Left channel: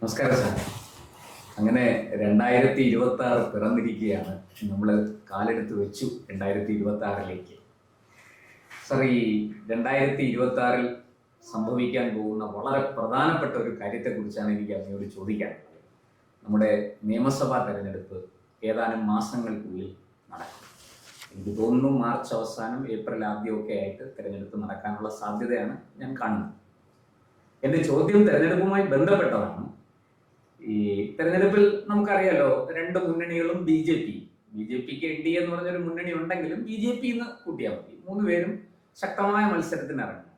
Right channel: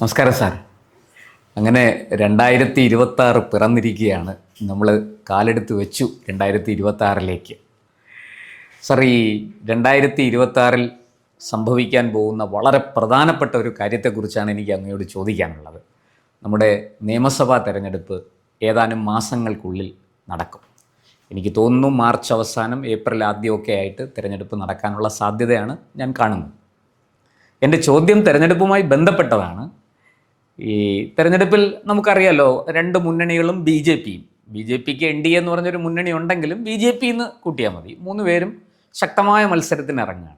നമസ്കാരം സാർ. അങ്ങനെ രണ്ടായിരത്തി ഇരുപത്തി ആറ് പിറന്നിരിക്കുകയാണ്. നമ്മൾ കാലെടുത്ത് വെച്ചു രണ്ടായിരത്തി ഇരുപത്തി ആറിലേക്ക് സാർ ഈ രണ്ടായിരത്തി ഇരുപത്തി ആറിൽ സംഭവിക്കാൻ പോകുന്ന വളരെ പ്രധാനപ്പെട്ട ഒരു കാര്യത്തെക്കുറിച്ചാണ് എനിക്ക് അങ്ങയോട് ചോദിക്കാനുള്ളത്. നമ്മുടെ നിയമസഭാ തെരഞ്ഞെടുപ്പ് ഏതാനും മാസങ്ങൾക്കുള്ളിൽ നടക്കും. എനിക്ക് തോന്നുന്നു മാർച്ച് അവസാനം ഏപ്രിൽ ആദ്യമൊക്കെ ആയിട്ട് തിരഞ്ഞെടുപ്പ് നടക്കാനുള്ള സാധ്യതയാണ് ഞാൻ കാണുന്നത്. എന്റെ ചോദ്യം തിരഞ്ഞെടുപ്പുമായി ബന്ധപ്പെട്ടതാണ്. ഈ തെരഞ്ഞെടുപ്പിൽ നമുക്കറിയാലോ രണ്ട് മുന്നണികളും ബി ജെ പിയും. ബി ജെ പിക്ക് എൻ ഡി എ എന്ന് പറഞ്ഞൊരു മുന്നണി ഉണ്ടെങ്കിലും ബി ജെ പി എന്ന് കൂട്ടിയാൽ മതി. മൂന്ന് പേരും ശക്തമായ മത്സരത്തിന് ഇറങ്ങുകയാണ്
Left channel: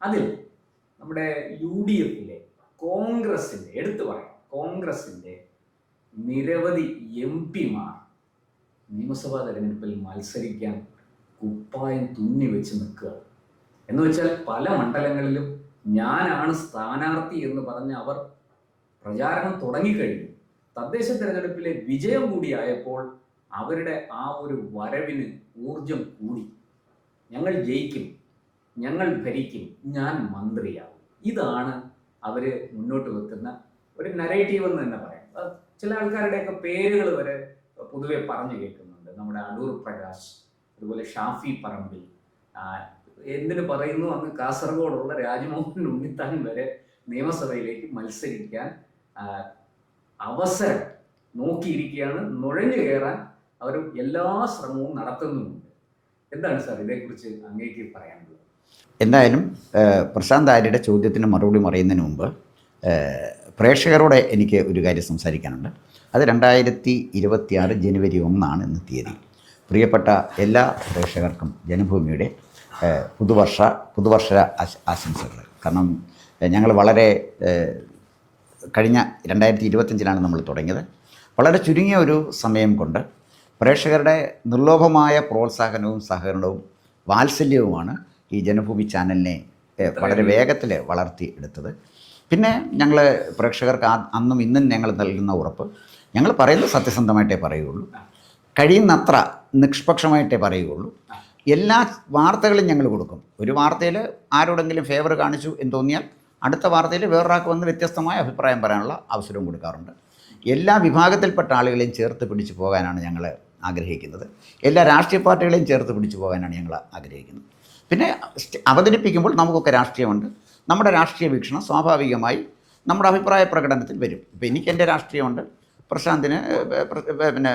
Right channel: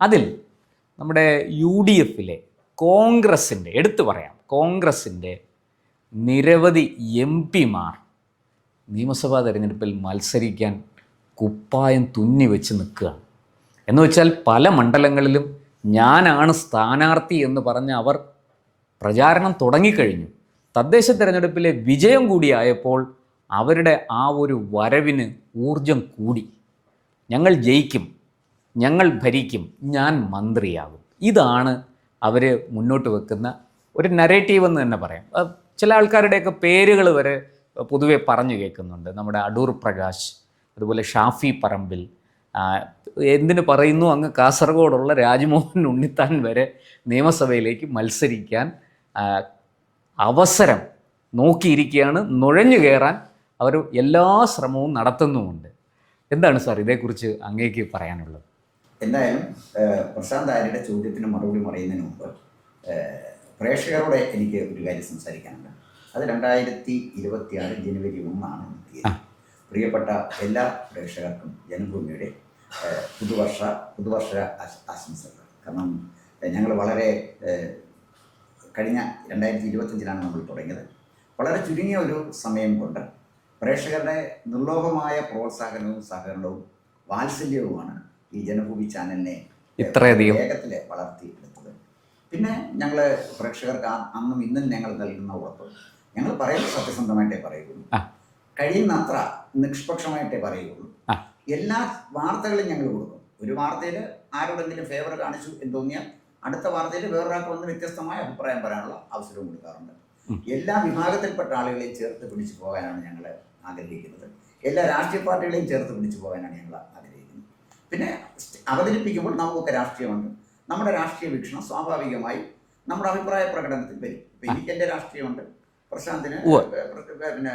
അതിൽ നമ്മുടെ യു ഡി എഫിലെ കോൺഗ്രസിന്റെ എടുത്തു പറയാം കോൺഗ്രസിന്റെ നിരവധി എം പിമാർ നിയമസഭാ തെരഞ്ഞെടുപ്പിൽ മത്സരിക്കാൻ കുപ്പായം തുന്നി വെച്ച് നിൽക്കുകയാണ്. എന്ന് വെച്ചാൽ പല മണ്ഡലങ്ങളിലും ഞാനാണ് സ്ഥാനാർത്ഥി എന്ന് പറഞ്ഞ് അവർ പ്രചാരണം തുടങ്ങിക്കഴിഞ്ഞു. തദ്ദേശ തെരഞ്ഞെടുപ്പിലെ വിജയം കൂടിയായപ്പോൾ അവരുടെ ആ ഒരു വരവിന് ഊർജം കൂടി. ഞങ്ങൾ ജയിക്കും ഞങ്ങൾ ഭരിക്കും ഞാൻ മന്ത്രിയാകും. ഇതാണ് അവർ മുന്നോട്ട് വെക്കുന്ന ഒരു നരേറ്റീവ് എന്ന് തന്നെ പറയാം. ചില ആൾക്കാരുടെയൊക്കെ പേരുകൾ വരെ പൊതുവെ പറഞ്ഞു കേൾക്കുന്നുണ്ട്. നമ്മുടെ അടൂർ പ്രകാശ് അതുപോലെ ഷാഫി പറമ്പിൽ എന്തിനു പറയുന്നു? അങ്ങ് കാസർഗോഡുള്ള രാജ്മോഹൻ ഉണ്ണിത്താൻ വരെ നിയമസഭയിലേക്ക് മത്സരിക്കാൻ അവസരം നോക്കിയിരിക്കുകയാണ് നുഴഞ്ഞു കയറാൻ അവർ എല്ലാ ശ്രമവും നടത്തുന്നുമുണ്ട്. എന്താണ് സാർ ഇതേക്കുറിച്ച് അങ്ങേക്ക് പറയാനുള്ളത്? എന്തായാലും പ്രശാന്ത് ആര്യയുടെ ചോദ്യത്തിന് മറുപടി പറയുന്നതിന് മുമ്പ് പ്രേക്ഷകരോട് എനിക്ക് ഒരു കാര്യം സംസാരിക്കാനുണ്ട്. അത് രണ്ടായിരത്തി ഇരുപത്തിയാറ് ജനുവരി ഒന്നാണ് ഇന്ന് തീയതി. പ്രിയപ്പെട്ട എല്ലാ പ്രേക്ഷകർക്കും ജനഭൂമിയുടെ പുതുവർഷ പുതുവർഷ ആശംസകൾ. കാരണം ഞങ്ങൾ വളരെ കഴിഞ്ഞ രണ്ടായിരത്തി ഇരുപത്തഞ്ചിലാണ് നമ്മൾ തുടങ്ങിയത്. വളരെ ചുരുങ്ങിയ ഒരു സമയം കൊണ്ട് പ്രേക്ഷകരുടെ നിർലോഭമായ പ്രോത്സാഹനവും സഹകരണവും വാത്സല്യവുമാണ് ഈ ജനഭൂമി ചാനലിനെ വേഗത്തിൽ വളർത്തി എടുത്തത്. പിന്നെ ഞങ്ങൾ പ്രേക്ഷകർക്ക് അന്നും ഇന്നും ഞങ്ങൾ നൽകുന്ന ഉറപ്പ് ഞങ്ങൾ പറയുന്നത് സത്യസന്ധമായിട്ടേ പറയുകയുള്ളൂ. കഴിയുന്നത്ര നിഷ്പക്ഷമായിട്ടേ പറയുകയുള്ളൂ. എല്ലാ വാർത്തകളും ഞങ്ങൾ കൊടുക്കും. ഒരു വാർത്തയിൽ ആരോടെങ്കിലും ഫേവർ കാണിച്ചു എന്ന് തോന്നിയാൽ അടുത്ത വാർത്തയിൽ വേറൊരാൾക്ക് വന്ന് വ്യത്യസ്തമായ അഭിപ്രായം പറയാനുള്ള അവസരവും കൊടുക്കാറുണ്ട്. എല്ലാ വിഭാഗത്തിൽപ്പെട്ട ആളുകളെയും ചേർത്ത് പിടിച്ചു പോകാനാണ് ഞങ്ങൾ ആഗ്രഹിക്കുന്നത്. എല്ലാ രാഷ്ട്രീയ പാർട്ടികളെയും ചേർത്ത് പിടിച്ചു പോകാനാണ് ഞങ്ങൾ ആഗ്രഹിക്കുന്നത്. പിന്നെ അവതരിപ്പിക്കുമ്പോൾ നമുക്കൊക്കെ രാഷ്ട്രീയമുണ്ട്. നമ്മുടെ രാഷ്ട്രീയ വീക്ഷണം സ്വാഭാവികമായി നമ്മുടെ അഭിപ്രായ പ്രകടനത്തിൽ വരും. ഇപ്പം എനിക്ക് എന്റെ രാഷ്ട്രീയമുണ്ട്. പ്രശാന്തിന് പിന്നെ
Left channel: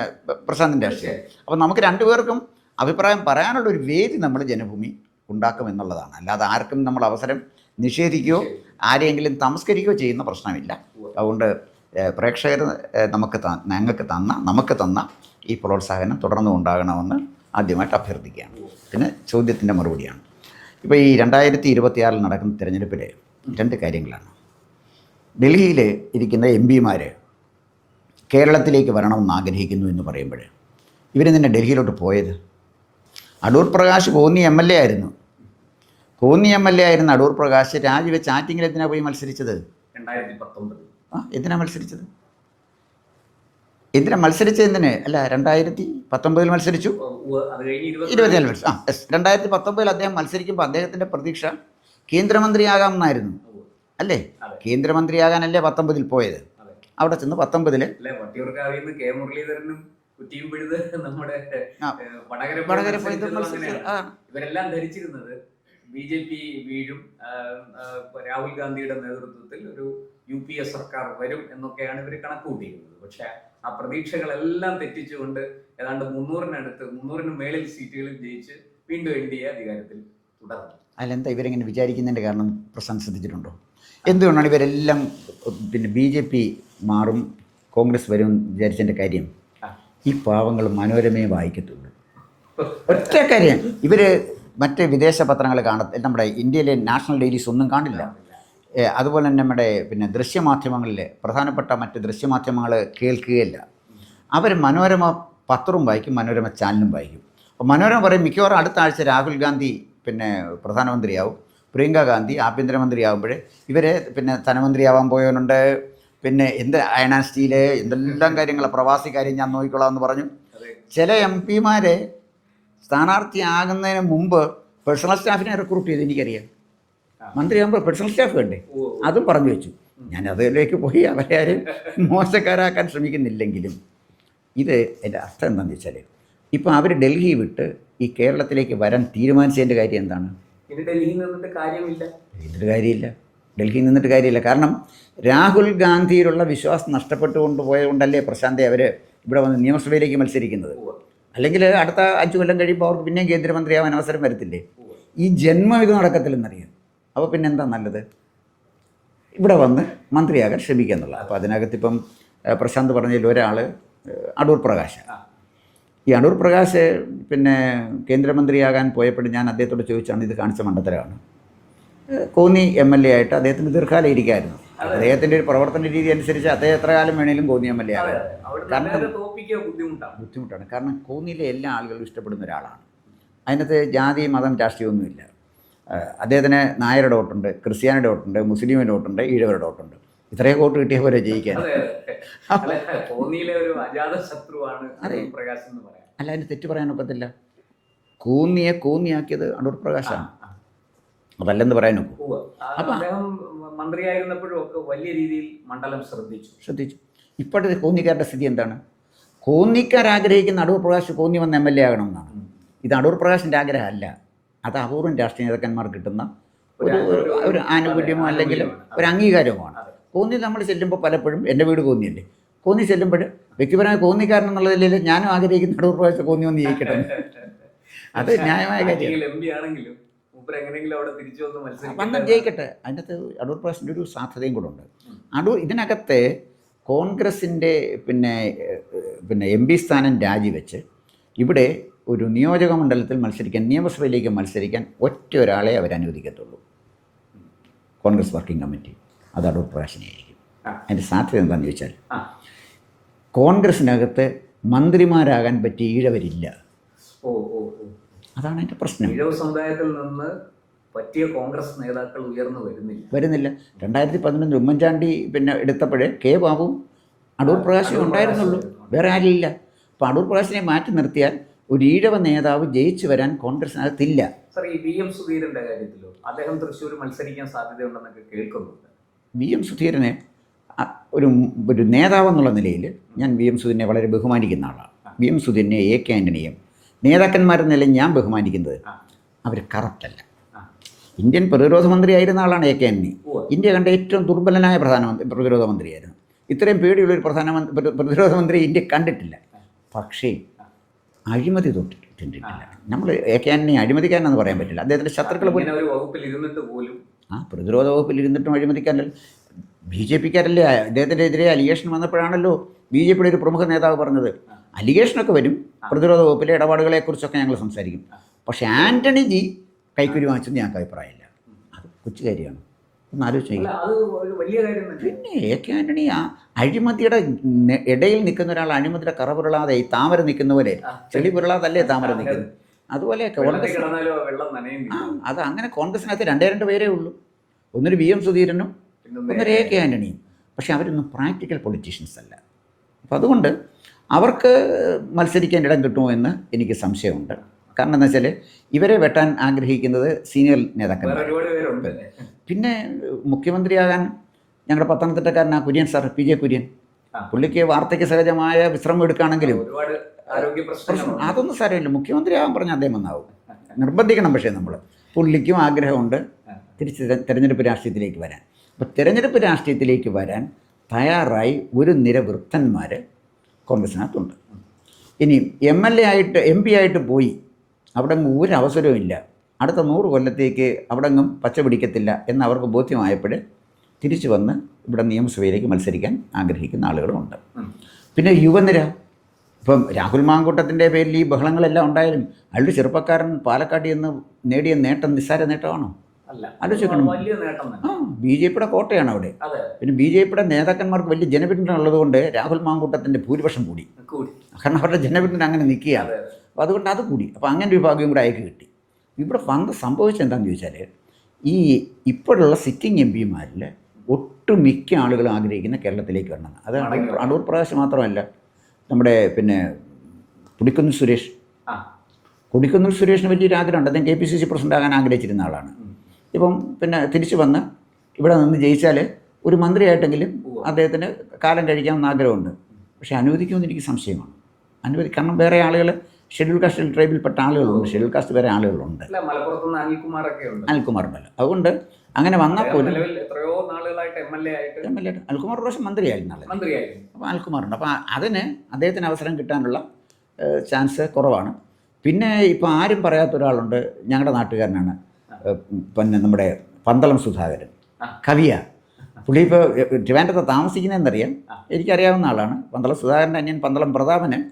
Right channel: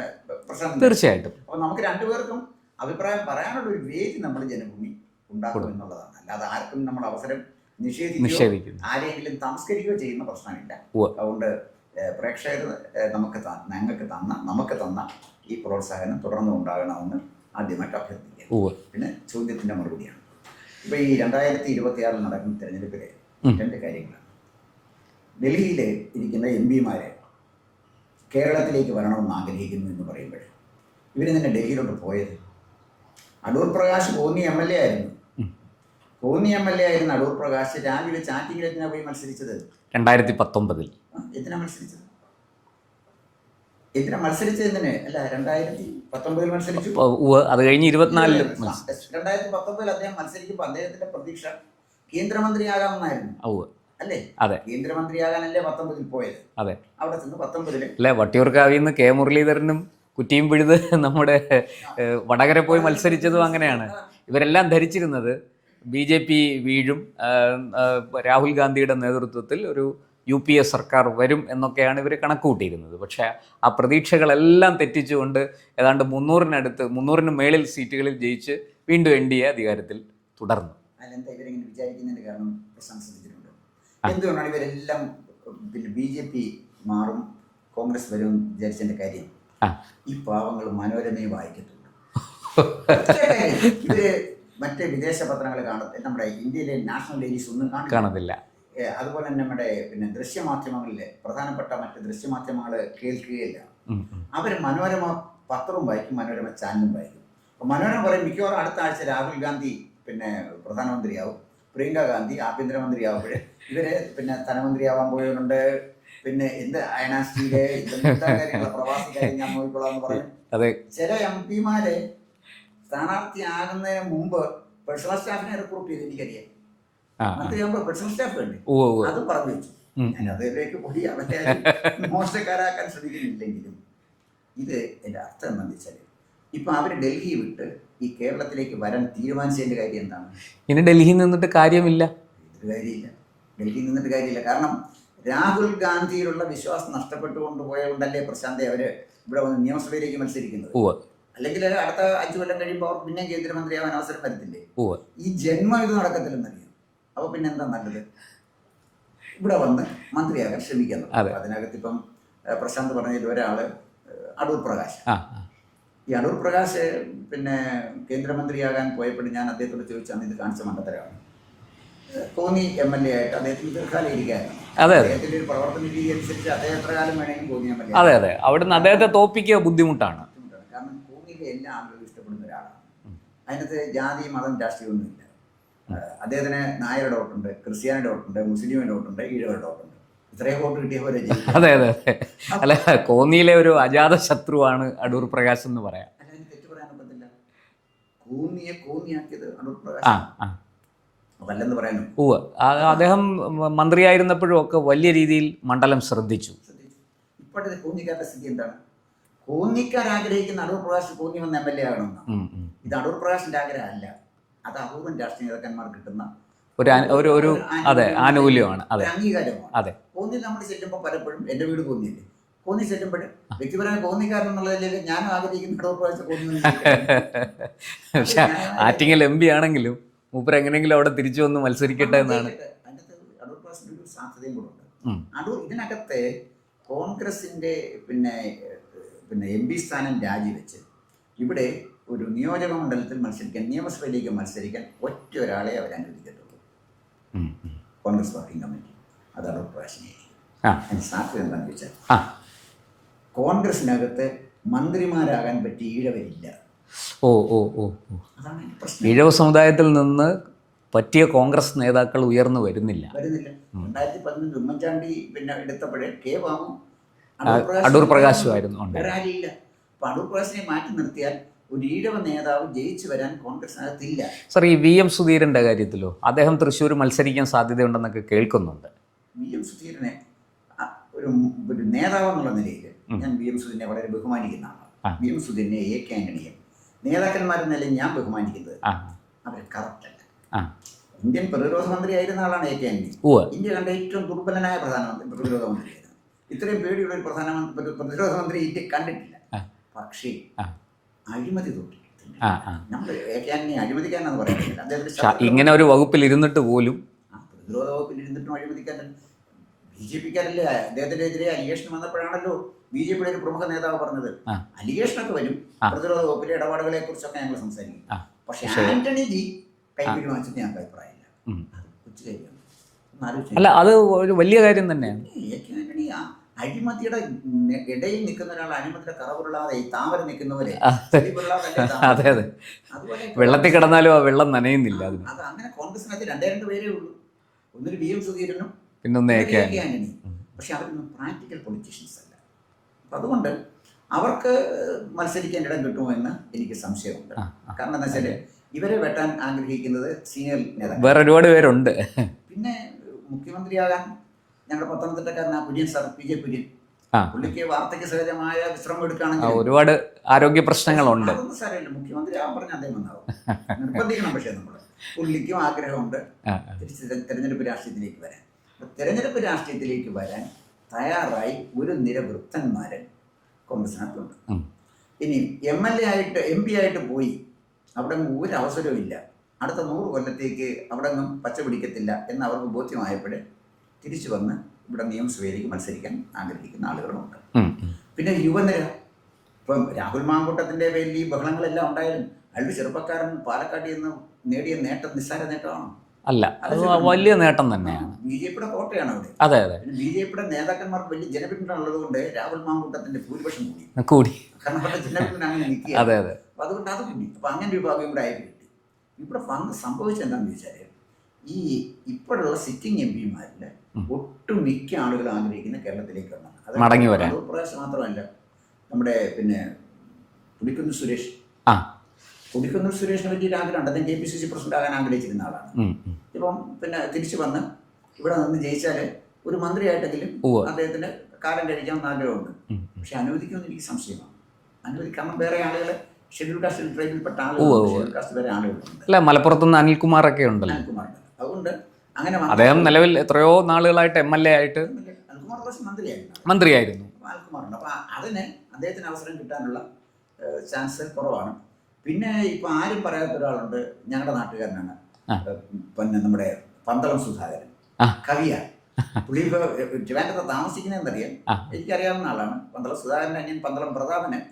പ്രശാന്തിന് തീർച്ചയായിട്ടും. അപ്പോൾ നമുക്ക് രണ്ടുപേർക്കും അഭിപ്രായം പറയാനുള്ള ഒരു വേദി നമ്മൾ ജനഭൂമി ഉണ്ടാക്കും എന്നുള്ളതാണ് അല്ലാതെ ആർക്കും നമ്മൾ അവസരം നിഷേധിക്കുകയോ. ആരെങ്കിലും തമസ്കരിക്കുകയോ ചെയ്യുന്ന പ്രശ്നമില്ല. അതുകൊണ്ട് പ്രേക്ഷകർ നമുക്ക് ഞങ്ങൾക്ക് തന്ന നമുക്ക് തന്ന ഈ പ്രോത്സാഹനം തുടർന്നും ഉണ്ടാകണമെന്ന് ആദ്യമായിട്ട് അഭ്യർത്ഥിക്കുകയാണ്. പിന്നെ ചോദ്യത്തിന്റെ മറുപടിയാണ്. ഇപ്പോൾ ഈ രണ്ടായിരത്തി ഇരുപത്തിയാറിൽ നടക്കുന്ന തിരഞ്ഞെടുപ്പിൽ രണ്ട് കാര്യങ്ങളാണ്. ഡൽഹിയിൽ ഇരിക്കുന്ന എം പിമാർ കേരളത്തിലേക്ക് വരണമെന്ന് ആഗ്രഹിക്കുന്നു എന്ന് പറയുമ്പോൾ ഇവർ തന്നെ ഡൽഹിയിലോട്ട് പോയത്? Adoor Prakash Konni M L A ആയിരുന്നു. കോന്നി എം എൽ എ ആയിരുന്ന അടൂർ പ്രകാശ് രാജിവെച്ച് ആറ്റിങ്ങിൽ എന്തിനാ പോയി മത്സരിച്ചത്? രണ്ടായിരത്തി പത്തൊമ്പതിൽ ആ എന്തിനാ മത്സരിച്ചത്? എന്തിനാ മത്സരിച്ചത് എന്തിനെ? അല്ല രണ്ടായിരത്തി പത്തൊമ്പതിൽ മത്സരിച്ചു അത് കഴിഞ്ഞ് ഇരുപത്തിനാലിൽ. രണ്ടായിരത്തി പത്തൊമ്പതിൽ അദ്ദേഹം മത്സരിക്കുമ്പോൾ അദ്ദേഹത്തിന്റെ പ്രതീക്ഷ കേന്ദ്രമന്ത്രിയാകാമെന്നായിരുന്നു. അല്ലേ? അതെ. കേന്ദ്രമന്ത്രിയാകാനല്ലേ പത്തൊമ്പതിൽ പോയത്? അതെ. അവിടെ ചെന്ന് പത്തൊമ്പതിൽ അല്ലെ വട്ടിയൂർക്കാവിൽ നിന്ന് കെ മുരളീധരനും കുറ്റിയും പിഴുത് നമ്മുടെ ആ. ഏഹ്, വടകര പോയി വടകര മത്സരിച്ചതും അങ്ങനെയാണ്. ഇവരെല്ലാം ധരിച്ചിരുന്നത് ബി ജെ പി വീഴും. രാഹുൽ ഗാന്ധിയുടെ നേതൃത്വത്തിൽ ഒരു യു പി എ സർക്കാർ വരും എന്നൊക്കെയാണ് ഇവർ കണക്ക് കൂട്ടിയിരുന്നത് പക്ഷേ ആ പ്രതീക്ഷകളെല്ലാം തെറ്റിച്ചുകൊണ്ട് ഏതാണ്ട് മുന്നൂറിനടുത്ത് മുന്നൂറിന് മേളിൽ സീറ്റുകളിൽ ജയിച്ച് വീണ്ടും എൻ ഡി എ അധികാരത്തിൽ തുടർന്നു. അതിലെന്താ ഇവരെങ്ങനെ വിചാരിക്കുന്നതിന്റെ കാരണം പ്രശ്നം ശ്രദ്ധിച്ചിട്ടുണ്ടോ? എന്തുകൊണ്ടാണ് ഇവരെല്ലാം പിന്നെ ബി ജെ പി മാറും കോൺഗ്രസ് വരും വിചാരിച്ചതിന്റെ കാര്യം? ആ. ഈ പാവങ്ങൾ മനോരമയെ വായിക്കത്തുള്ളൂ. ഒറ്റ കാര്യം ഇവർ മറ്റ് വിദേശ പത്രങ്ങൾ കാണ നമ്മുടെ ഇന്ത്യയിലെ നാഷണൽ ഡെയിലീസ് ഒന്നും കാണില്ല. കാണുന്നില്ല അതുപോലെ തന്നെ നമ്മുടെ പിന്നെ ദൃശ്യമാധ്യമങ്ങളിൽ പ്രധാനപ്പെട്ട മറ്റ് ദൃശ്യമാധ്യമങ്ങൾ കേൾക്കുകയില്ല. അവർ മനോരമ പത്രവും വായിക്കും മനോരമ ചാനലും വായിക്കും. അപ്പോൾ മനോരമ പറയും മിക്കവാറും അടുത്ത ആഴ്ച രാഹുൽ ഗാന്ധി പിന്നെ പ്രധാനമന്ത്രിയാവും പ്രിയങ്ക ഗാന്ധി ആഭ്യന്തരമന്ത്രിയാവുമ്പോൾ ഇവർ പിന്നെ ധനമന്ത്രിയാവാൻ പോയവനുണ്ട്. പിന്നെ എന്ത് അയണാൻ സ്റ്റീൽ എന്തെല്ലാം കാര്യങ്ങൾ പ്രവാസി കാര്യം ഞാൻ നോക്കിക്കൊള്ളാം എന്ന് പറഞ്ഞു. അതെ. ചില എം പിമാരെ സ്ഥാനാർത്ഥിയാകുന്നതിന് മുമ്പ് പേഴ്സണൽ സ്റ്റാഫിനെ റിക്രൂട്ട് ചെയ്ത് എനിക്കറിയാം. മന്ത്രിയാകുമ്പോൾ പേഴ്സണൽ സ്റ്റാഫ് വേണ്ടേ. അതും പറഞ്ഞു വെച്ചു. ഞാൻ അതിലേക്ക് പോയി അവരെ ആരും മോശക്കാരാക്കാൻ ശ്രമിക്കുന്നില്ലെങ്കിലും. ഇത് എന്റെ അർത്ഥം എന്താണെന്ന് വെച്ചാൽ ഇപ്പം അവർ ഡൽഹി വിട്ട് ഈ കേരളത്തിലേക്ക് വരാൻ തീരുമാനിച്ചതിന്റെ കാര്യം എന്താണ്? ഇനി ഡൽഹിയിൽ നിന്നിട്ട് കാര്യമില്ല. ഇതിന്റെ കാര്യമില്ല. ഡൽഹിയിൽ നിന്നിട്ട് കാര്യമില്ല. കാരണം രാഹുൽ ഗാന്ധിയിലുള്ള വിശ്വാസം നഷ്ടപ്പെട്ടുകൊണ്ട് പോയതുകൊണ്ടല്ലേ പ്രശാന്തെ അവർ ഇവിടെ വന്ന് നിയമസഭയിലേക്ക് മത്സരിക്കുന്നത്? അല്ലെങ്കിൽ അടുത്ത അഞ്ചു കൊല്ലം കഴിയുമ്പോൾ അവർക്ക് പിന്നെയും കേന്ദ്രമന്ത്രിയാവാൻ അവസരം വരത്തില്ലേ? ഓ ഈ ജന്മം ഇത് നടക്കത്തില്ലെന്നറിയാം? അപ്പോൾ പിന്നെ എന്താ നല്ലത്? ഇവിടെ വന്ന് മന്ത്രിയാകാൻ ശ്രമിക്കുക എന്നുള്ളത് അപ്പോൾ അതിനകത്ത് ഇപ്പം പ്രശാന്ത് പറഞ്ഞതിൽ ഒരാൾ അടൂർ പ്രകാശ്. ഈ അടൂർ പ്രകാശ് പിന്നെ കേന്ദ്രമന്ത്രിയാകാൻ പോയപ്പോൾ ഞാൻ അദ്ദേഹത്തോട് ചോദിച്ചാണ് ഇത് കാണിച്ച മണ്ഡലമാണ് കോന്നി എം എൽ എ ആയിട്ട് അദ്ദേഹത്തിന് ദീർഘകാലം ഇരിക്കായിരുന്നു. അതെ. അദ്ദേഹത്തിന്റെ ഒരു പ്രവർത്തന രീതി അനുസരിച്ച് അദ്ദേഹം എത്ര കാലം വേണേലും കോന്നിയാമല്ലേ അതെ അതെ. അവിടുന്ന് അദ്ദേഹത്തെ തോപ്പിക്കുക ബുദ്ധിമുട്ടാണ്. ബുദ്ധിമുട്ടാണ്. കാരണം കോന്നിയിലെ എല്ലാ ആളുകളും ഇഷ്ടപ്പെടുന്ന ഒരാളാണ്. അതിനകത്ത് ജാതി മതം രാഷ്ട്രീയമൊന്നുമില്ല. അദ്ദേഹത്തിന് നായരുടെ വോട്ടുണ്ട് ക്രിസ്ത്യാനിയുടെ വോട്ടുണ്ട് മുസ്ലിമിന്റെ വോട്ടുണ്ട് ഈഴവരുടെ വോട്ടുണ്ട്. ഇത്രയും വോട്ട് കിട്ടിയ പോലെ ജയിക്കാം. അതെ അതെ. അല്ല കോന്നിയിലെ ഒരു അജാത ശത്രുവാണ് അടൂർ പ്രകാശ് എന്ന് പറയാം. അല്ല അതിന് തെറ്റ് പറയാൻ ഒക്കത്തില്ല കോന്നിയെ കോന്നിയാക്കിയത് അടൂർ പ്രകാശ് അതല്ലെന്ന് പറയാൻ ഉവ്വ്. അദ്ദേഹം മന്ത്രിയായിരുന്നപ്പോഴും ഒക്കെ വലിയ രീതിയിൽ മണ്ഡലം ശ്രദ്ധിച്ചു. ശ്രദ്ധിച്ചു. ഇപ്പോഴത്തെ കോന്നിക്കാരുടെ സ്ഥിതി എന്താണ്? കോന്നിക്കാർ ആഗ്രഹിക്കുന്ന അടൂർ പ്രകാശ് കോന്നി വന്ന് എം എൽ എ ആകണമെന്നാണ്. ഇത് അടൂർ പ്രകാശിന്റെ ആഗ്രഹമല്ല. അത് അപൂർവം രാഷ്ട്രീയ നേതാക്കന്മാർ കിട്ടുന്ന ഒരു ഒരു ആനുകൂല്യമാണ്. ഒരു അംഗീകാരമാണ് അംഗീകാരവുമാണ്. അതെ. കോന്നി നമ്മൾ ചെല്ലുമ്പോൾ പലപ്പോഴും എന്റെ വീട് കോന്നിയല്ലേ? കോന്നി ചെല്ലുമ്പോൾ വ്യക്തിപരമായ കോന്നിക്കാരൻ എന്നുള്ള നിലയിൽ ഞാനും ആഗ്രഹിക്കുന്ന അടൂർ പ്രകാശ് കോന്നി വന്ന് ആറ്റിങ്ങൽ എം പി ആണെങ്കിലും മൂപ്പർ എങ്ങനെയെങ്കിലും അവിടെ തിരിച്ചു വന്ന് മത്സരിക്കട്ടെ ജയിക്കട്ടെ. അതിനകത്ത് അടൂർ പ്രകാശിന്റെ ഒരു സാധ്യതയും കൂടെ ഉണ്ട്. അടൂർ ഇതിനകത്ത് കോൺഗ്രസിന്റെ പിന്നെ പിന്നെ എം പി സ്ഥാനം രാജിവെച്ച് ഇവിടെ ഒരു നിയോജക മണ്ഡലത്തിൽ മത്സരിക്കാൻ നിയമസഭയിലേക്ക് മത്സരിക്കാൻ ഒറ്റ ഒരാളെ അവർ അനുവദിക്കത്തുള്ളൂ. Congress working committee. അത് അടൂർ പ്രകാശിനെയായിരിക്കും ആ. അതിന്റെ സാധ്യത എന്താണെന്ന് ചോദിച്ചാൽ ആ. കോൺഗ്രസിനകത്ത് മന്ത്രിമാരാകാൻ പറ്റിയ ഈഴവരില്ല. ഓ ഓ ഓ. അതാണ് എന്റെ പ്രശ്നം. ഈഴവ സമുദായത്തിൽ നിന്ന് പറ്റിയ കോൺഗ്രസ് നേതാക്കൾ ഉയർന്നു വരുന്നില്ല. വരുന്നില്ല. രണ്ടായിരത്തി പതിനൊന്നിൽ ഉമ്മൻചാണ്ടി പിന്നെ എടുത്തപ്പോഴേ കെ ബാബു അടൂർ പ്രകാശ് അടൂർ പ്രകാശ് വേറെ ആരില്ല അപ്പോൾ അടൂർ പ്രകാശിനെ മാറ്റി നിർത്തിയാൽ ഒരു ഈഴവ നേതാവ് ജയിച്ചു വരാൻ കോൺഗ്രസിനകത്തില്ല. സർ ഈ വി എം സുധീരന്റെ കാര്യത്തിലോ? അദ്ദേഹം തൃശ്ശൂർ മത്സരിക്കാൻ സാധ്യതയുണ്ടെന്നൊക്കെ കേൾക്കുന്നുണ്ട്. വി എം സുധീരനെ ഒരു ഒരു നേതാവെന്നുള്ള നിലയിൽ ഞാൻ വി എം സുധീരനെ വളരെ ബഹുമാനിക്കുന്ന ആളാണ്. വി എം സുധീരനെ എ കെ ആന്റണിയും നേതാക്കന്മാരെന്ന നിലയിൽ ഞാൻ ബഹുമാനിക്കുന്നത് അവർ കറപ്റ്റല്ല. ഇന്ത്യൻ പ്രതിരോധ മന്ത്രിയായിരുന്ന ആളാണ് എ കെ ഉവ്വ്. ഇന്ത്യ കണ്ട ഏറ്റവും ദുർബലനായ പ്രധാനമന്ത്രി പ്രതിരോധ മന്ത്രിയായിരുന്നു. ഇത്രയും പേടിയുള്ള ഒരു പ്രധാനമന്ത്രി പ്രതിരോധ മന്ത്രി ഇന്ത്യ കണ്ടിട്ടില്ല. പക്ഷേ. അഴിമതി തൊട്ടിട്ടുണ്ട്. നമ്മൾ എ കെ ആന്റണി അഴിമതിക്കാരനെന്ന് പറയാൻ പറ്റില്ല. അദ്ദേഹത്തിന്റെ ശത്രുക്കൾ ഇങ്ങനെ ഒരു വകുപ്പിൽ ഇരുന്നിട്ട് പോലും ആ പ്രതിരോധ വകുപ്പിൽ ഇരുന്നിട്ടും അഴിമതിക്കാരല്ല ബി ജെ പിക്കാരല്ലേ അദ്ദേഹത്തിന്റെ എതിരെ അലിഗേഷൻ വന്നപ്പോഴാണല്ലോ ബി ജെ പിയുടെ ഒരു പ്രമുഖ നേതാവ് പറഞ്ഞത്. അലിഗേഷനൊക്കെ വരും. പ്രതിരോധ വകുപ്പിലെ ഇടപാടുകളെ കുറിച്ചൊക്കെ ഞങ്ങൾ സംസാരിക്കും. പക്ഷെ ആന്റണി ജി കൈക്കുരി വാങ്ങിച്ചെന്ന് ഞങ്ങൾക്ക് അഭിപ്രായമില്ല. അത് കൊച്ചു കാര്യമാണ്. അല്ല അത് ഒരു വലിയ കാര്യം തന്നെ. എ കെ ആന്റണി ആ അഴിമതിയുടെ ഇടയിൽ നിൽക്കുന്ന ഒരാൾ അഴിമതിയുടെ കറ പുരളാതെ ഈ താമര നിൽക്കുന്ന പോലെ ചെളി പുരളാതല്ലേ താമര അതെ, അതെ. അതുപോലെ വെള്ളത്തിൽ കിടന്നാലും ആ വെള്ളം നനയുന്നില്ല. അത്. അങ്ങനെ കോൺഗ്രസിനകത്ത് രണ്ടേ രണ്ട് പേരേ ഉള്ളൂ. ഒന്നൊരു വി എം സുധീരനും പിന്നെ എ കെ ആന്റണിയും. പക്ഷെ അവരൊന്നും പ്രാക്ടിക്കൽ പൊളിറ്റീഷ്യൻസ് അല്ല. അപ്പം അതുകൊണ്ട് അവർക്ക് മത്സരിക്കാൻ ഇടം കിട്ടുമോ എന്ന് എനിക്ക് സംശയമുണ്ട്. കാരണം എന്താ വെച്ചാൽ ഇവരെ വെട്ടാൻ ആഗ്രഹിക്കുന്നത് സീനിയർ നേതാക്കൾ വേറെ ഒരുപാട് പേരുണ്ട്. പിന്നെ മുഖ്യമന്ത്രിയാകാൻ ഞങ്ങളുടെ പത്തനംതിട്ടക്കാരനാ Kurian sir P J Kurian. പുള്ളിക്ക് വാർത്തയ്ക്ക് സഹജമായ വിശ്രമം എടുക്കുകയാണെങ്കിലും ഒരുപാട് ആരോഗ്യ പ്രശ്നങ്ങളുണ്ട്. അതൊന്നും സാരമില്ല. മുഖ്യമന്ത്രി ആകാൻ പറഞ്ഞാൽ അദ്ദേഹം വന്നാവും. നിർബന്ധിക്കണം പക്ഷേ നമ്മൾ പുള്ളിക്കും ആഗ്രഹമുണ്ട് തിരിച്ച് തെരഞ്ഞെടുപ്പ് രാഷ്ട്രീയത്തിലേക്ക് വരാൻ. അപ്പോൾ തിരഞ്ഞെടുപ്പ് രാഷ്ട്രീയത്തിലേക്ക് വരാൻ തയ്യാറായി ഒരു നിര വൃത്തന്മാർ കോൺഗ്രസിനകത്തുണ്ട് ഇനി എം എൽ എ ആയിട്ട് എം പി ആയിട്ട് പോയി അവിടെ അങ്ങ് ഒരു അവസരവും ഇല്ല. അടുത്ത നൂറ് കൊല്ലത്തേക്ക് അവിടെ അങ്ങും പച്ച പിടിക്കത്തില്ല എന്ന് അവർക്ക് ബോധ്യമായപ്പോൾ തിരിച്ചു വന്ന് ഇവിടെ നിയമസഭയിലേക്ക് മത്സരിക്കാൻ ആഗ്രഹിക്കുന്ന ആളുകളുമുണ്ട്. പിന്നെ യുവനിര. ഇപ്പം രാഹുൽ മാങ്കൂട്ടത്തിന്റെ പേരിൽ ഈ ബഹളങ്ങളെല്ലാം ഉണ്ടായാലും അയാളുടെ ചെറുപ്പക്കാരൻ പാലക്കാട്ടിൽ നിന്ന് നേടിയ നേട്ടം നിസ്സാര നേട്ടമാണോ? അല്ല. വലിയ നേട്ടം തന്നെ. ബി ജെ പിയുടെ കോട്ടയാണ് അവിടെ. അതെ അതെ. പിന്നെ ബി ജെ പിയുടെ നേതാക്കന്മാർക്ക് വലിയ ജനപിന്തുണ ഉള്ളതുകൊണ്ട് രാഹുൽ മാങ്കൂട്ടത്തിന്റെ ഭൂരിപക്ഷം കൂടി. കൂടി. കാരണം അവരുടെ ജനപിന്തുണ അങ്ങനെ നിൽക്കുക അതെ അതെ. അപ്പോൾ അതുകൊണ്ട് അത് കൂടി. അപ്പോൾ അങ്ങനെ ഒരു വിഭാഗം കൂടെ അയക്ക് കിട്ടി. ഇവിടെ വന്ന് സംഭവിച്ചത് എന്താണെന്ന് ചോദിച്ചാൽ ഈ ഇപ്പോഴുള്ള സിറ്റിംഗ് എം പിമാരിൽ ഒട്ടുമിക്ക ആളുകളും ആഗ്രഹിക്കുന്ന കേരളത്തിലേക്ക് വരണം. അത് മടങ്ങി വരാം അടൂർ പ്രകാശ് മാത്രമല്ല നമ്മുടെ പിന്നെ പുടിക്കുന്ന് സുരേഷ് ആ. കൊടിക്കുന്നിൽ സുരേഷിന് വലിയൊരു ആഗ്രഹമുണ്ട്. അദ്ദേഹം K P C C president ആകാൻ ആഗ്രഹിച്ചിരുന്ന ആളാണ്. ഇപ്പം പിന്നെ തിരിച്ചു വന്ന് ഇവിടെ നിന്ന് ജയിച്ചാൽ ഒരു മന്ത്രിയായിട്ടെങ്കിലും. അദ്ദേഹത്തിന് കാലം കഴിക്കാമെന്ന് ആഗ്രഹമുണ്ട്. പക്ഷേ അനുവദിക്കുമെന്ന് എനിക്ക് സംശയമാണ്. അനുവദി കാരണം വേറെ ആളുകൾ ഷെഡ്യൂൾ കാസ്റ്റ് ട്രൈബിൽപ്പെട്ട ആളുകളുണ്ട്. ഷെഡ്യൂൾ കാസ്റ്റ് വേറെ ആളുകളുണ്ട്. അല്ല മലപ്പുറത്തുനിന്ന് അനിൽകുമാറൊക്കെ ഉണ്ട് അനിൽകുമാർ ഉണ്ടല്ലോ. അതുകൊണ്ട് അങ്ങനെ അദ്ദേഹം നിലവിൽ എത്രയോ നാളുകളായിട്ട് എം എൽ എ ആയിട്ട് എം എൽ അനിൽകുമാർ ഒരു പ്രാവശ്യം മന്ത്രിയായിരുന്നു മന്ത്രിയായിരുന്നു. അപ്പോൾ അനിൽകുമാറുണ്ട് അപ്പോൾ അതിന് അദ്ദേഹത്തിന് അവസരം കിട്ടാനുള്ള ചാൻസ് കുറവാണ്. പിന്നെ ഇപ്പോൾ ആരും പറയാത്ത ഒരാളുണ്ട് ഞങ്ങളുടെ നാട്ടുകാരനാണ്. പിന്നെ നമ്മുടെ പന്തളം സുധാകരൻ. ആ. കവിയ. പുള്ളി ഇപ്പോൾ ട്രിവാൻഡ്രത്ത് താമസിക്കുന്നതെന്നറിയാം. എനിക്കറിയാവുന്ന ആളാണ്. പന്തളം സുധാകരന്റെ അന്യൻ പന്തളം പ്രതാപന്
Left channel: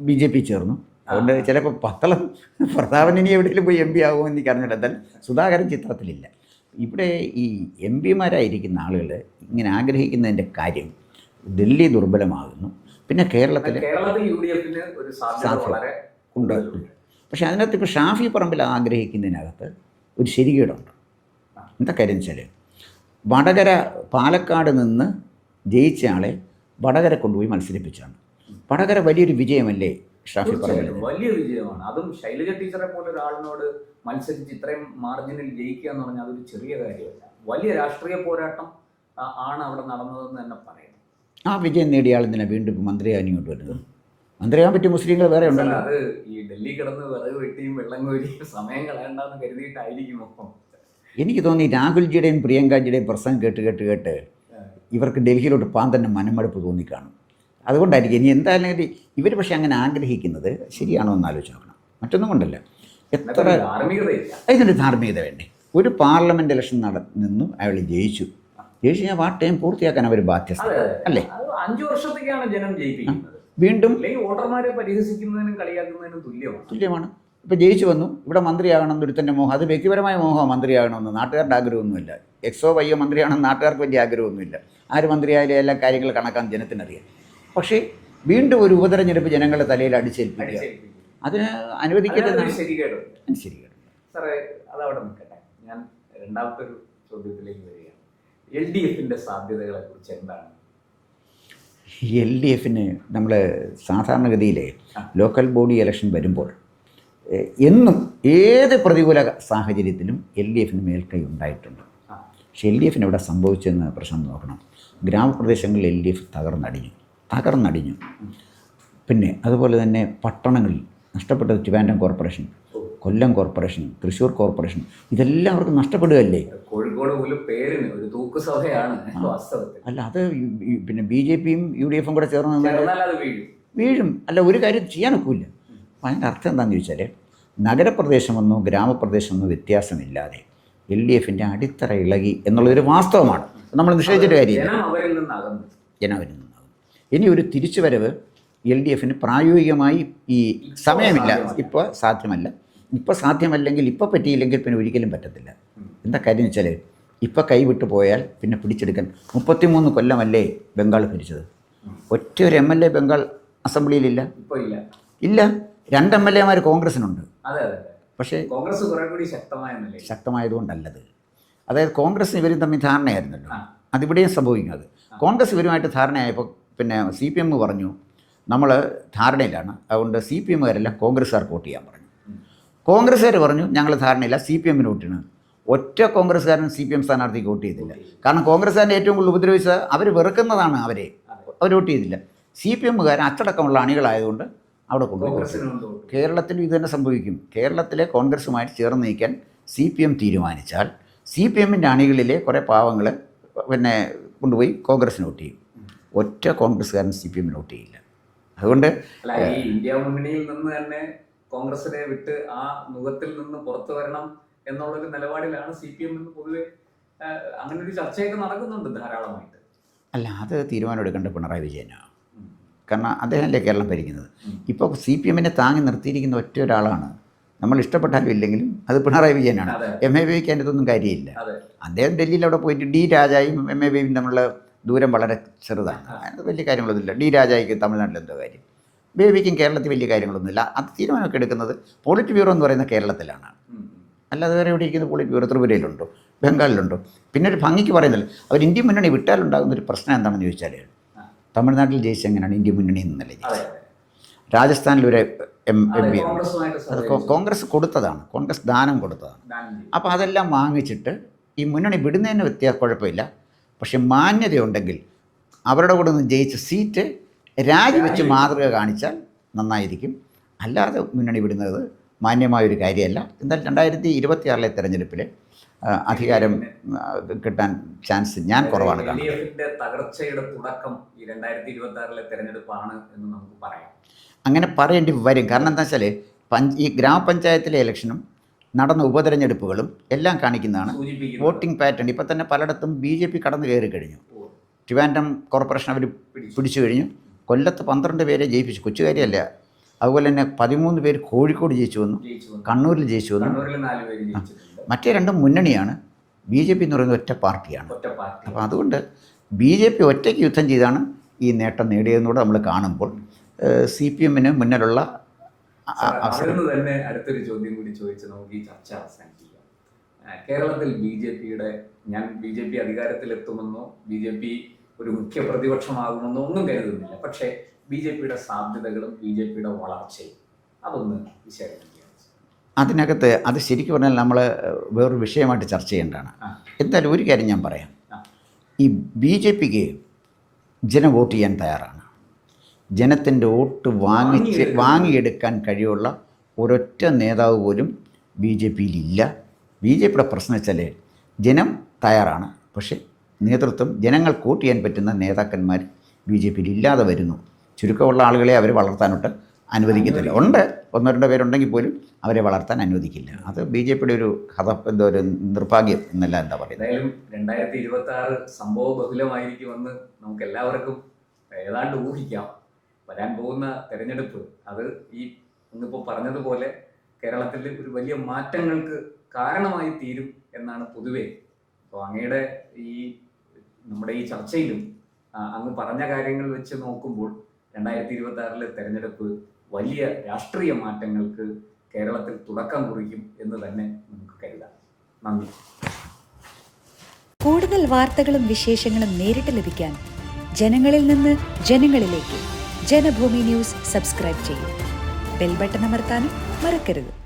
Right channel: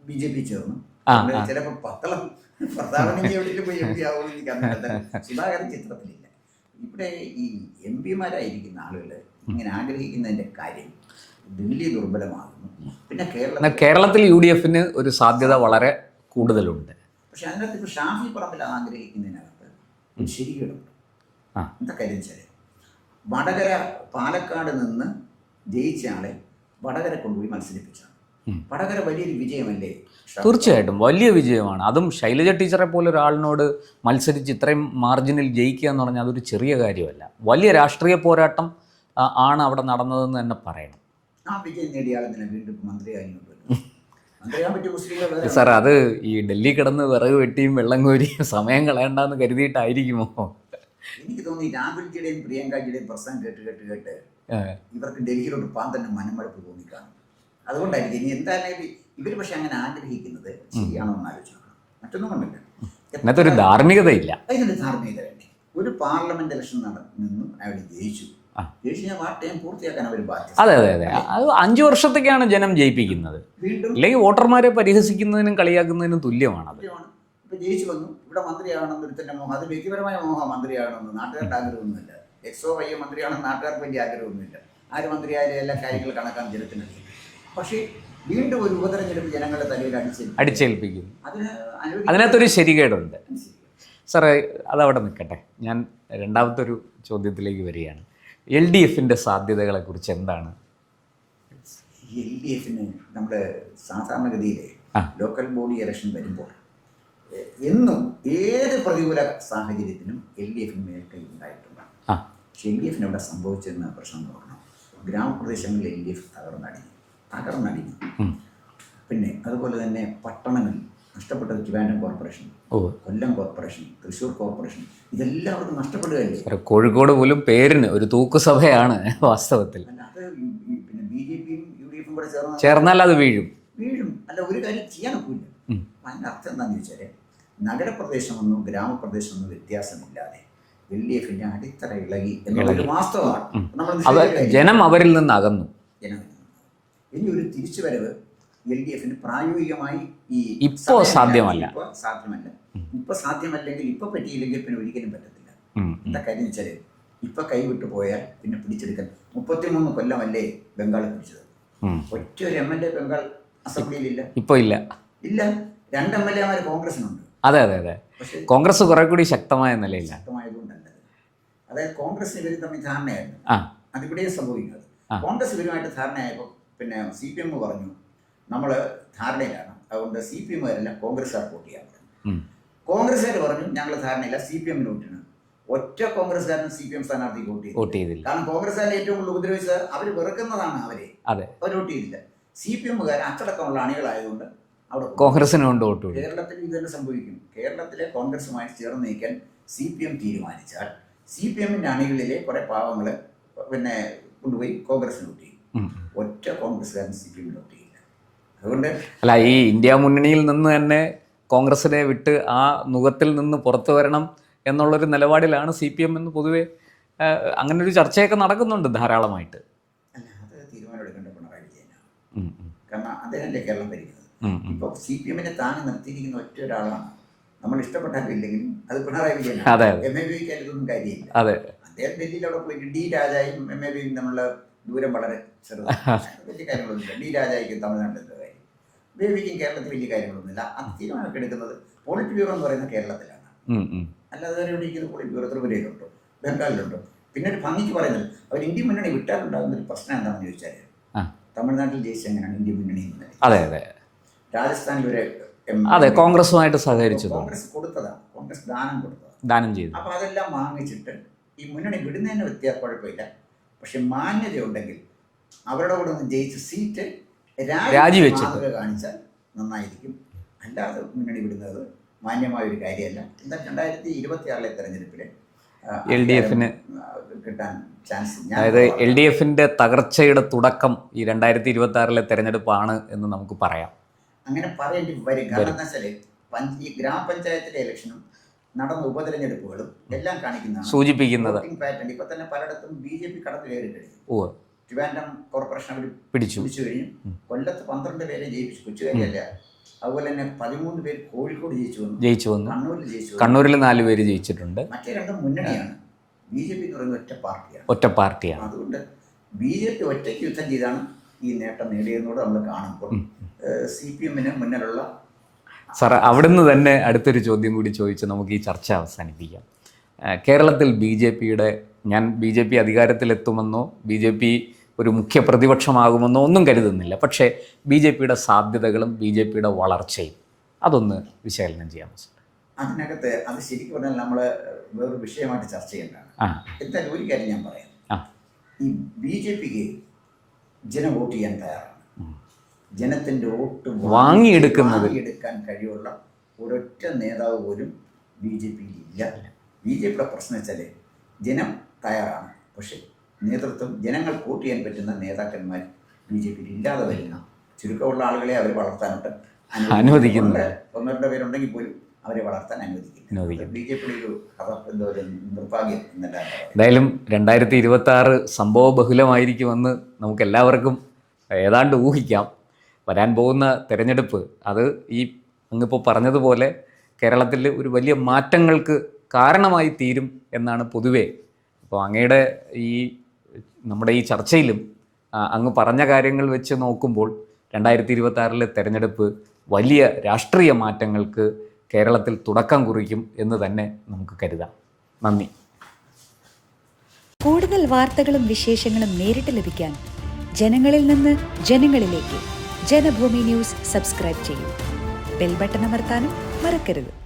ബി ജെ പി ചേർന്നു. അതുകൊണ്ട് ചിലപ്പോൾ പത്തളം പ്രതാപൻ ഇനി എവിടെയെങ്കിലും പോയി എം പി ആകുമോ എന്ന് എനിക്ക് സുധാകരൻ ചിത്രത്തിലില്ല. ഇവിടെ ഈ എം പിമാരായിരിക്കുന്ന ആളുകൾ ഇങ്ങനെ ആഗ്രഹിക്കുന്നതിന്റെ കാര്യം ഡൽഹി ദുർബലമാകുന്നു. പിന്നെ കേരളത്തിൽ കേരളത്തിൽ യു ഡി എഫിന് ഒരു സാധ്യത. വളരെ കൂടുതലുണ്ട്. പക്ഷേ അതിനകത്ത് ഇപ്പോൾ ഷാഫി പറമ്പിൽ ആഗ്രഹിക്കുന്നതിനകത്ത് ഒരു ശരികേടുണ്ട് ആ. എന്താ കാര്യം വെച്ചാൽ വടകര പാലക്കാട് നിന്ന് ജയിച്ച ആളെ വടകര കൊണ്ടുപോയി മത്സരിപ്പിച്ചാണ് വടകര വലിയൊരു വിജയമല്ലേ തീർച്ചയായിട്ടും വലിയ വിജയമാണ്. അതും ശൈലജ ടീച്ചറെ പോലെ ഒരാളിനോട് മത്സരിച്ച് ഇത്രയും മാർജിനിൽ ജയിക്കുക എന്ന് പറഞ്ഞാൽ അതൊരു ചെറിയ കാര്യമല്ല. വലിയ രാഷ്ട്രീയ പോരാട്ടം ആണ് അവിടെ നടന്നതെന്ന് തന്നെ പറയണം. ആ വിജയം നേടിയ ആൾ വീണ്ടും മന്ത്രിയാകാൻ വരുന്നത്? മന്ത്രിയാകാൻ പറ്റിയ മുസ്ലിങ്ങൾ വേറെ സാർ. അത് ഈ ഡൽഹി കിടന്ന് വിറക് വെട്ടിയും വെള്ളം കോരിയും സമയം കളയണ്ടെന്ന് കരുതിയിട്ടായിരിക്കുമോ? എനിക്ക് തോന്നി രാഹുൽജിയുടെയും പ്രിയങ്കാജിയുടെയും പ്രസംഗം കേട്ട് കേട്ട് കേട്ട് ഇവർക്ക് ഡൽഹിയിലോട്ട് പോകാൻ തന്നെ മനമടുപ്പ് തോന്നിക്കാണും. അതുകൊണ്ടായിരിക്കും ഇനി എന്തായാലും ഇവർ പക്ഷെ അങ്ങനെ ആഗ്രഹിക്കുന്നത് ശരിയാണോ എന്ന് ആലോചിച്ച് നോക്കണം. മറ്റൊന്നും കൊണ്ടല്ല. ധാർമ്മികതയില്ല. ഇതിനൊരു ധാർമ്മികത വേണ്ടേ? ഒരു പാർലമെന്റ് ഇലക്ഷൻ നട നിന്നു അയാൾ ജയിച്ചു. ജയിച്ചു കഴിഞ്ഞാൽ വാട്ട് ടൈം പൂർത്തിയാക്കാൻ അവർ ബാധ്യത അതെ അതെ അതെ. അത് അഞ്ചു വർഷത്തേക്കാണ് ജനം ജയിപ്പിക്കുന്നത്. വീണ്ടും അല്ലെങ്കിൽ വോട്ടർമാരെ പരിഹസിക്കുന്നതിനും കളിയാക്കുന്നതിനും തുല്യമാണ്. തുല്യമാണ്. ഇപ്പൊ ജയിച്ചു വന്നു. ഇവിടെ മന്ത്രിയാകണം ഒരുത്തന്റെ മോഹം. അത് വ്യക്തിപരമായ മോഹം മന്ത്രിയാകണമെന്ന്. നാട്ടുകാരുടെ ആഗ്രഹമൊന്നുമില്ല. എക്സോ വയ്യോ മന്ത്രിയാണെന്ന് നാട്ടുകാർക്ക് വലിയ ആഗ്രഹമൊന്നുമില്ല. ആര് മന്ത്രിയായാലും എല്ലാ കാര്യങ്ങൾ കണക്കാൻ ജനത്തിനറിയാം പക്ഷേ വീണ്ടും ഒരു ഉപതെരഞ്ഞെടുപ്പ് ജനങ്ങളുടെ തലയിൽ അടിച്ചേൽപ്പിക്കും അടിച്ചേൽപ്പിക്കുന്നു അതിന് അതിനകത്തൊരു അനുവദിക്കുന്ന ശരികേടുണ്ട്. ശരികേട്. സാറേ അതവിടെ നിൽക്കട്ടെ. ഞാൻ രണ്ടാമത്തെ ഒരു ചോദ്യത്തിലേക്ക് വരികയാണ്. എൽ ഡി എഫിന്റെ സാധ്യതകളെക്കുറിച്ച് എന്താണ്? എൽ ഡി എഫിന് നമ്മൾ സാധാരണഗതിയിൽ. ലോക്കൽ ബോഡി ഇലക്ഷൻ വരുമ്പോൾ എന്നും ഏത് പ്രതികൂല സാഹചര്യത്തിലും എൽ ഡി എഫിന് മേൽക്കൈ ഉണ്ടായിട്ടുണ്ട്. ആ. പക്ഷേ എൽ ഡി എഫിന് ഇവിടെ സംഭവിച്ചെന്ന് പ്രശ്നം നോക്കണം. ഗ്രാമപ്രദേശങ്ങളിൽ എൽ ഡി എഫ് തകർന്നടിഞ്ഞു. തകർന്നടിഞ്ഞു പിന്നെ അതുപോലെ തന്നെ പട്ടണങ്ങളിൽ നഷ്ടപ്പെട്ടത് ട്രിവാൻഡ്രം കോർപ്പറേഷൻ ഓ. കൊല്ലം കോർപ്പറേഷൻ തൃശ്ശൂർ കോർപ്പറേഷൻ ഇതെല്ലാം അവർക്ക് നഷ്ടപ്പെടുകയല്ലേ? കോഴിക്കോട് പോലും പേരിന് ഒരു തൂക്കുസഭയാണ് വാസ്തവത്തിൽ. അല്ല അത് പിന്നെ ബി ജെ പിയും യു ഡി എഫും കൂടെ ചേർന്ന് ചേർന്നാൽ അത് വീഴും. വീഴും. അല്ല ഒരു കാര്യം ചെയ്യാൻ ഒക്കില്ല അപ്പം അതിന്റെ അർത്ഥം എന്താണെന്ന് ചോദിച്ചാൽ നഗരപ്രദേശമെന്നോ ഗ്രാമപ്രദേശമെന്നോ വ്യത്യാസമില്ലാതെ എൽ ഡി എഫിന്റെ അടിത്തറ ഇളകി എന്നുള്ളതൊരു വാസ്തവമാണ്. നമ്മൾ നിഷേധിച്ചിട്ട് കാര്യം ജനം അവരിൽ നിന്ന് അകന്നു ജനവരി നിന്നത് ഇനി ഒരു തിരിച്ചുവരവ് എൽ ഡി എഫിന് പ്രായോഗികമായി ഈ ഇപ്പോൾ. സാധ്യമല്ല. ഇപ്പോൾ സാധ്യമല്ല. ഇപ്പോൾ സാധ്യമല്ലെങ്കിൽ ഇപ്പോൾ പറ്റിയില്ലെങ്കിൽ പിന്നെ ഒരിക്കലും പറ്റത്തില്ല. എന്താ കാര്യം വെച്ചാൽ ഇപ്പോൾ കൈവിട്ട് പോയാൽ പിന്നെ പിടിച്ചെടുക്കാൻ മുപ്പത്തിമൂന്ന് കൊല്ലമല്ലേ ബംഗാൾ ഭരിച്ചത്. ഒറ്റ ഒരു എം എൽ എ ബംഗാൾ അസംബ്ലിയിലില്ല? ഇപ്പോൾ ഇല്ല. ഇല്ല. രണ്ട് എം എൽ എമാർ കോൺഗ്രസിനുണ്ട്. അതെ അതെ അതെ. പക്ഷേ കോൺഗ്രസ് കുറെ കൂടി ശക്തമായ നിലയിൽ ശക്തമായതുകൊണ്ടല്ലത്. അതായത് കോൺഗ്രസ് ഇവരും തമ്മിൽ ധാരണയായിരുന്നു. അതിവിടെയും സംഭവിക്കുന്നത്. കോൺഗ്രസ് ഇവരുമായിട്ട് ധാരണയായപ്പോൾ പിന്നെ സി പി എം പറഞ്ഞു നമ്മൾ ധാരണയിലാണ്. അതുകൊണ്ട് സി പി എമ്മുകാരെല്ലാം കോൺഗ്രസ്സുകാർക്ക് വോട്ട് ചെയ്യാൻ പറഞ്ഞു. കോൺഗ്രസ്സുകാർ പറഞ്ഞു ഞങ്ങൾ ധാരണയില്ല സി പി എമ്മിന് വോട്ടിന് ഒറ്റ കോൺഗ്രസ്സുകാരൻ സി പി എം സ്ഥാനാർത്ഥിക്ക് വോട്ട് ചെയ്തു വോട്ട് ചെയ്തില്ല. കാരണം കോൺഗ്രസ്സുകാരന്റെ ഏറ്റവും കൂടുതൽ ഉപദ്രവിച്ചത് അവർ വെറുക്കുന്നതാണ് അവരെ. അതെ. അവർ വോട്ട് ചെയ്തില്ല. സി പി എമ്മുകാർ അച്ചടക്കമുള്ള അണികളായതുകൊണ്ട് അവിടെ കോൺഗ്രസ്സിനെ കോൺഗ്രസിന് കൊണ്ട് വോട്ട് ചെയ്തു. കേരളത്തിലും ഇത് തന്നെ സംഭവിക്കും. കേരളത്തിലെ കോൺഗ്രസ്സുമായിട്ട് ചേർന്ന് നീക്കാൻ സി പി എം തീരുമാനിച്ചാൽ സി പി എമ്മിന്റെ അണികളിലെ കുറേ പാവങ്ങൾ പിന്നെ കൊണ്ടുപോയി കോൺഗ്രസ്സിന് വോട്ട് ചെയ്യും. ഒറ്റ കോൺഗ്രസ്സുകാരൻ സി പി എമ്മിന് വോട്ട് ചെയ്യില്ല. അതുകൊണ്ട് അല്ല ഈ ഇന്ത്യ മുന്നണിയിൽ നിന്ന് തന്നെ കോൺഗ്രസിനെ വിട്ട് ആ മുഖത്തിൽ നിന്ന് പുറത്തു വരണം എന്നുള്ളൊരു നിലപാടിലാണ് സി പി എം എന്ന് പൊതുവെ അങ്ങനൊരു അങ്ങനെ ഒരു ചർച്ചയൊക്കെ നടക്കുന്നുണ്ട് ധാരാളമായിട്ട്. അല്ല അത് തീരുമാനം എടുക്കേണ്ട പിണറായി വിജയനാണ്. കാരണം അദ്ദേഹമല്ലേ കേരളം ഭരിക്കുന്നത്. ഇപ്പോൾ സി പി എമ്മിനെ താങ്ങി നിർത്തിയിരിക്കുന്ന ഒറ്റ ഒരാളാണ്. നമ്മൾ ഇഷ്ടപ്പെട്ടാലും ഇല്ലെങ്കിലും അത് പിണറായി വിജയനാണ്. എം എ ബിക്ക് അതിന്റെ ഒന്നും കാര്യമില്ല. അതെ. അദ്ദേഹം ഡൽഹിയിൽ അവിടെ പോയിട്ട് ഡി രാജായും എം എ ബിയും തമ്മിലുള്ള ദൂരം വളരെ ചെറുതാണ്. വലിയ കാര്യങ്ങളൊന്നുമില്ല. ഡി രാജായിക്ക് തമിഴ്നാട്ടിൽ എന്തോ കാര്യം. ബേബിക്കും കേരളത്തിൽ വലിയ കാര്യങ്ങളൊന്നുമില്ല. അത് തീരുമാനമൊക്കെ എടുക്കുന്നത് പോളിറ്റ് ബ്യൂറോ എന്ന് പറയുന്ന കേരളത്തിലാണ്. അല്ലാതെ വേറെ എവിടെ ഇരിക്കുന്ന? പോളിറ്റ് ബ്യൂറോ ത്രിപുരയിലുണ്ടോ? ബംഗാളിലുണ്ടോ? പിന്നെ ഒരു ഭംഗിക്ക് പറയുന്നില്ല അവർ ഇന്ത്യൻ മുന്നണി വിട്ടാലുണ്ടാകുന്ന ഒരു പ്രശ്നം എന്താണെന്ന് ചോദിച്ചാൽ. തമിഴ്നാട്ടിൽ ജയിച്ച എങ്ങനെയാണ് ഇന്ത്യൻ മുന്നണി എന്നല്ലേ അതെ അതെ. രാജസ്ഥാനിൽ ഒരു എം അതെ കോൺഗ്രസുമായിട്ട് സഹകരിച്ചു. കോൺഗ്രസ് കൊടുത്തതാണ്. കോൺഗ്രസ് ദാനം കൊടുത്തതാണ്. ദാനം ചെയ്തു. അപ്പോൾ അതെല്ലാം വാങ്ങിച്ചിട്ട് ഈ മുന്നണി വിടുന്നതിന് വ്യത്യാസം കുഴപ്പമില്ല. പക്ഷെ മാന്യതയുണ്ടെങ്കിൽ അവരുടെ കൂടെ നിന്ന് ജയിച്ച സീറ്റ് രാജി മാതൃക കാണിച്ചാൽ നന്നായിരിക്കും. അല്ലാതെ മുന്നണി വിടുന്നത് മാന്യമായ ഒരു കാര്യമല്ല എന്തായാലും രണ്ടായിരത്തി ഇരുപത്തി ആറിലെ തെരഞ്ഞെടുപ്പിൽ കിട്ടാൻ ചാൻസ് ഞാൻ. എൽ ഡി എഫിന്റെ തകർച്ചയുടെ തുടക്കം ഈ രണ്ടായിരത്തി ഇരുപത്തി ആറിലെ തെരഞ്ഞെടുപ്പാണ് എന്ന് നമുക്ക് പറയാം. അങ്ങനെ പറയേണ്ടി വരും. കാരണം എന്താ വെച്ചാൽ ഈ ഗ്രാമപഞ്ചായത്തിലെ ഇലക്ഷനും നടന്ന ഉപതെരഞ്ഞെടുപ്പുകളും എല്ലാം കാണിക്കുന്നതാണ്. സൂചിപ്പിക്കുന്നത്. Voting pattern. ഇപ്പം തന്നെ പലയിടത്തും ബി ജെ പി കടന്നു കയറി കഴിഞ്ഞു ഓ ട്രിവാൻഡ്രം കോർപ്പറേഷൻ അവർ പിടിച്ചു. പിടിച്ചു കഴിഞ്ഞു. കൊല്ലത്ത് പന്ത്രണ്ട് പേരെ ജയിപ്പിച്ചു. കൊച്ചുകാരിയല്ല. അതുപോലെ തന്നെ പതിമൂന്ന് പേര് കോഴിക്കോട് ജയിച്ചു വന്നു. ജയിച്ചു വന്നു. കണ്ണൂരിൽ ജയിച്ചു വന്നു. കണ്ണൂരിൽ നാല് പേര് ജയിച്ചിട്ടുണ്ട്. മറ്റേ രണ്ടും മുന്നണിയാണ്. ബി ജെ പി എന്ന് പറയുന്നത് ഒറ്റ പാർട്ടിയാണ്. ഒറ്റ പാർട്ടിയാണ്. അതുകൊണ്ട് ബി ജെ പി ഒറ്റയ്ക്ക് യുദ്ധം ചെയ്താണ് ഈ നേട്ടം നേടിയതെന്നൂടെ നമ്മൾ കാണുമ്പോൾ സി പി എമ്മിന് മുന്നിലുള്ള സാർ അവിടുന്ന് തന്നെ അടുത്തൊരു ചോദ്യം കൂടി ചോദിച്ച് നമുക്ക് ഈ ചർച്ച അവസാനിപ്പിക്കാം. കേരളത്തിൽ ബി ജെ പിയുടെ ഞാൻ ബി ജെ പി അധികാരത്തിലെത്തുമെന്നോ ബി ജെ പി ഒരു മുഖ്യ പ്രതിപക്ഷമാകുമെന്നോ ഒന്നും കരുതുന്നില്ല. പക്ഷേ ബി ജെ പിയുടെ സാധ്യതകളും ബി ജെ പിയുടെ വളർച്ചയും അതൊന്ന് വിശകലനം ചെയ്യാമോ സാർ അതിനകത്ത് അത് ശരിക്കും പറഞ്ഞാൽ നമ്മൾ വേറൊരു വിഷയമായിട്ട് ചർച്ച ചെയ്യേണ്ടതാണ്. എന്തായാലും ഒരു കാര്യം ഞാൻ പറയാം. ഈ ബി ജെ പിക്ക് ജനം വോട്ട് ചെയ്യാൻ തയ്യാറാണ്. ജനത്തിന്റെ വോട്ട് വാങ്ങി വാങ്ങിയെടുക്കുന്നത്. വാങ്ങിയെടുക്കാൻ കഴിവുള്ള ഒരൊറ്റ നേതാവ് പോലും ബി ജെ പിയിലില്ല. ബി ജെ പിയുടെ പ്രശ്നം വെച്ചാൽ ജനം തയ്യാറാണ്. പക്ഷേ നേതൃത്വം ജനങ്ങൾ വോട്ട് ചെയ്യാൻ പറ്റുന്ന നേതാക്കന്മാർ ബി ജെ പിയിൽ ഇല്ലാതെ വരുന്നു. ചുരുക്കമുള്ള ആളുകളെ അവർ വളർത്താനോട്ട് അനുവദിക്കുന്നുണ്ട്. ഒന്നോ രണ്ടോ പേരുണ്ടെങ്കിൽ പോലും അവരെ വളർത്താൻ അനുവദിക്കില്ല. അത് ബി ജെ പിയുടെ ഒരു കഥ എന്തോ ഒരു നിർഭാഗ്യം എന്നല്ല എന്താ പറയുക. എന്തായാലും രണ്ടായിരത്തി ഇരുപത്തി ആറ് സംഭവ ബഹുലമായിരിക്കുമെന്ന് നമുക്ക് എല്ലാവർക്കും ഏതാണ്ട് ഊഹിക്കാം. വരാൻ പോകുന്ന തെരഞ്ഞെടുപ്പ് അത് ഈ അങ്ങിപ്പോൾ പറഞ്ഞതുപോലെ കേരളത്തിൽ ഒരു വലിയ മാറ്റങ്ങൾക്ക് കാരണമായി തീരും എന്നാണ് പൊതുവേ. അപ്പോൾ അങ്ങയുടെ ഈ നമ്മുടെ ഈ ചർച്ചയിലും അങ്ങ് പറഞ്ഞ കാര്യങ്ങൾ വെച്ച് നോക്കുമ്പോൾ രണ്ടായിരത്തി ഇരുപത്തി ആറിലെ തെരഞ്ഞെടുപ്പ് വലിയ രാഷ്ട്രീയ മാറ്റങ്ങൾക്ക് കേരളത്തിൽ തുടക്കം കുറിക്കും എന്ന് തന്നെ നമുക്ക് കരുതാം. നന്ദി. കൂടുതൽ വാർത്തകളും വിശേഷങ്ങളും നേരിട്ട് ലഭിക്കാൻ ജനങ്ങളിൽ നിന്ന് ജനങ്ങളിലേക്ക് ജനഭൂമി ന്യൂസ് സബ്സ്ക്രൈബ് ചെയ്യും. ബെൽ ബട്ടൺ അമർത്താനും മറക്കരുത്.